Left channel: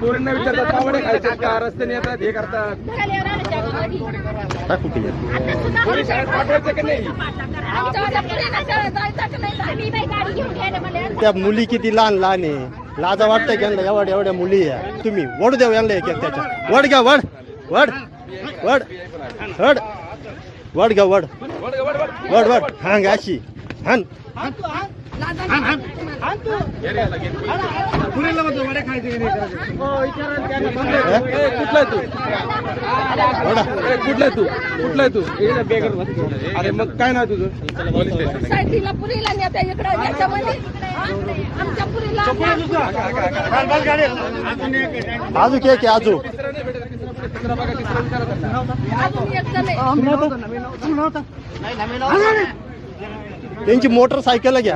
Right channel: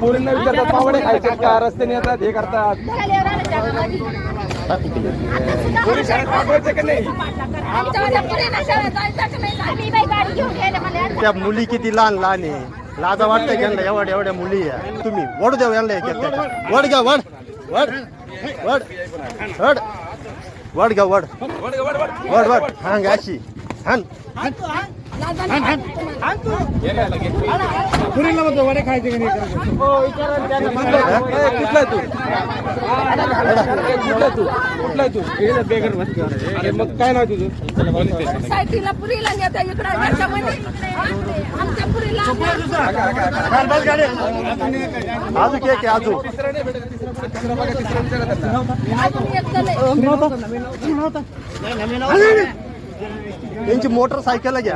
पोरींना विचारतात पावडे खायचे का रस्त्याने येतात हे करतात पोरी शाळेत पाठवायचे का नाही त्या मुली किती लहान लहान आहे. लाजा वाटतंय की यांना एवढ्या एवढ्या मुली आहे. तुम्ही वड द्या यांना एक त्याच्या. वड घ्या वड. वड. वड. वड. वड घ्या वड. वड वड हांग अशी. हान ए, कुठला आहे? तू ए, कुठला आहे तू? कुठला आहे तू? हे बेगर अरे मग काय नाव तुझं? साईडला पुरीला नेता इकडं. आमच्या पुरीला. बाजू के आजू तिसरा नाही भेटत तिसरा तिसरा बघा तिसरा विचारा त्यांना अजून एक झालंय. त्यांची मोटरसायकल घ्या